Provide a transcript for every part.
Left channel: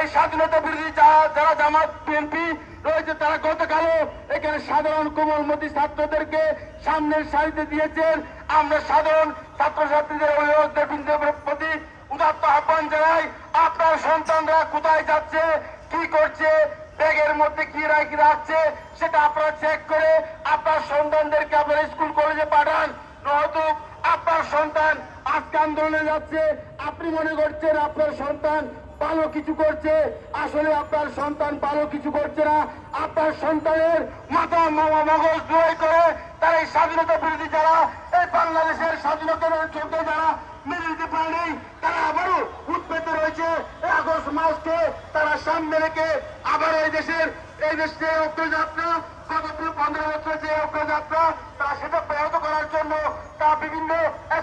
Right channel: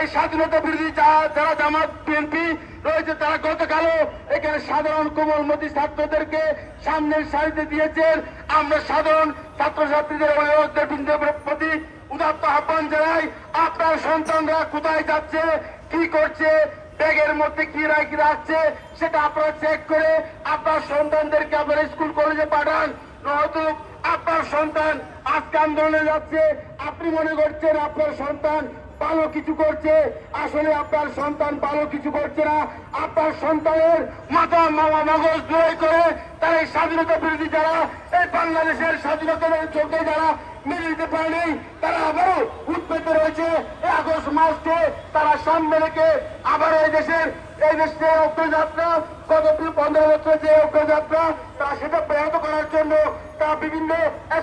এই স্বাধীনতা বিরোধী যারা জামাত বিএনপি রয়েছে তারা গতকালও এখানে সাধারণ কোমলমতি ছাত্রদেরকে সামনের সারিতে দিয়েছেন। আমরা সাধারণ ছাত্রছাত্রীদের অভিভাবকদের প্রতি উদাত্ত আহ্বান জানাই, আপনার সন্তানরা কোথায় যাচ্ছে, কি করছে, ব্যাগের মধ্যে কি রাখছে সেটা আপনারা চেক করে আপনার সন্তানদেরকে আপনারা স্কুল কলেজে পাঠান। নয়তো আপনার সন্তান আজকে আন্দোলনে যাচ্ছে, আপনি মনে করছেন আপনার সন্তান ভালো কিছু করছে, আসলে আপনার সন্তান ভালো কিছু করছে না। আপনার সন্তানের মাথা মগজ লড়াই করে তারা এই স্বাধীনতা বিরোধী যারা এই বাংলাদেশের স্বাধীনতার জন্য যারা মেনে নিতে পারেনি তারা আবারও উৎপেতে রয়েছে। এই আগস্ট মাসকে তারা সামনে রেখে আবারও এই দেশের অগ্রযাত্রা গত 15 বছর যে অগ্রযাত্রা তারা সেটা ব্যাহত করার জন্য তা বিভিন্ন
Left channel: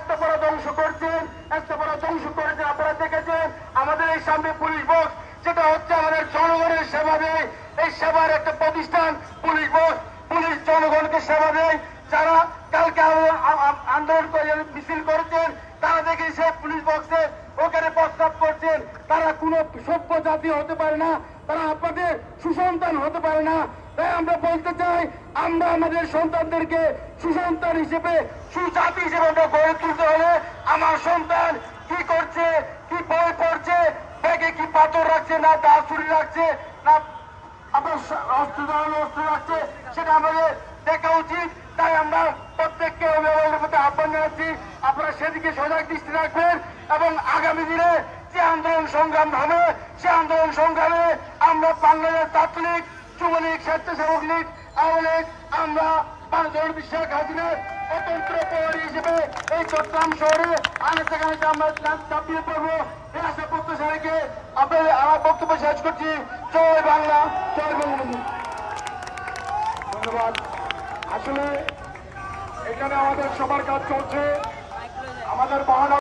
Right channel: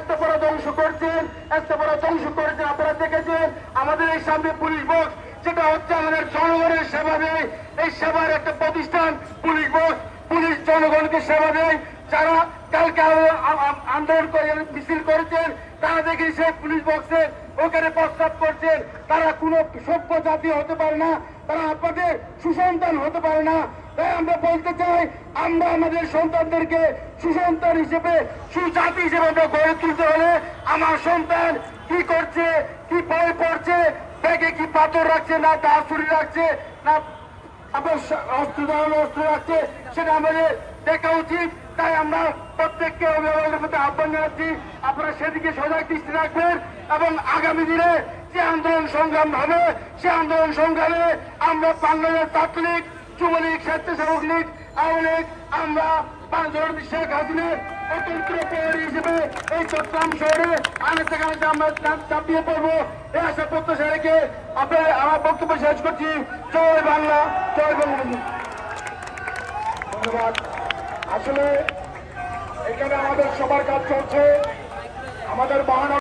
স্থাপনা ধ্বংস করছেন, স্থাপনা ধ্বংস করেছেন। আপনারা দেখেছেন আমাদের এই সামনে পুলিশ বক্স, যেটা হচ্ছে আমাদের জনগণের সেবা দেয়, এই সেবার একটা প্রতিষ্ঠান পুলিশ বক্স। পুলিশ জনগণকে সেবা দেয়। যারা কালকে আন্দোলন করে মিছিল করেছেন তারা দেখেছে পুলিশ বক্সে ওখানে প্রস্তাব করছেন। তারা কোনো সভ্য জাতি হতে পারে না, তারা আপনাদের সুসন্তান হতে পারে না। তাই আমরা বলতে চাই, আমরা আমাদের সন্তানদেরকে সুসন্তান হিসেবে সুজাতি হিসেবে আমরা গড়ে তুলতে হলে আমার সন্তান কি করছে, কি বই পড়ছে, ব্যাগে কি পাথর রাখছে, না দা ছুরি রাখছে, না আপনার অস্ত্র রাখছে, সেটা আমাদের দেখা উচিত। তাই আমরা প্রত্যেককে অভিভাবকের প্রতি আহ্বান জানাচ্ছি, আপনারা সেদিকে সজাগ দৃষ্টি রাখবেন এবং আগামী দিনে যে আন্দোলন সংগ্রাম হবে সে আন্দোলন সংগ্রামে আমরা বাংলাদেশ ছাত্রলীগ, যুবলীগ, স্বেচ্ছাসেবক লীগ, আওয়ামী লীগ, আমরা বাংলাদেশ শেখ হাসিনার স্বতন্ত্র প্রহরী হিসেবে এই চট্টগ্রাম শহরে আনাচে আমরা চাপিয়ে পড়বো। এই আশা প্রত্যাশা রেখে আপনার আমার বক্তব্য শেষ করছি। জয় বাংলা, জয় বঙ্গবন্ধু। ধন্যবাদ। আসলে এখানে আমাদের সবার কাজ চলছে, আমাদের মহানগর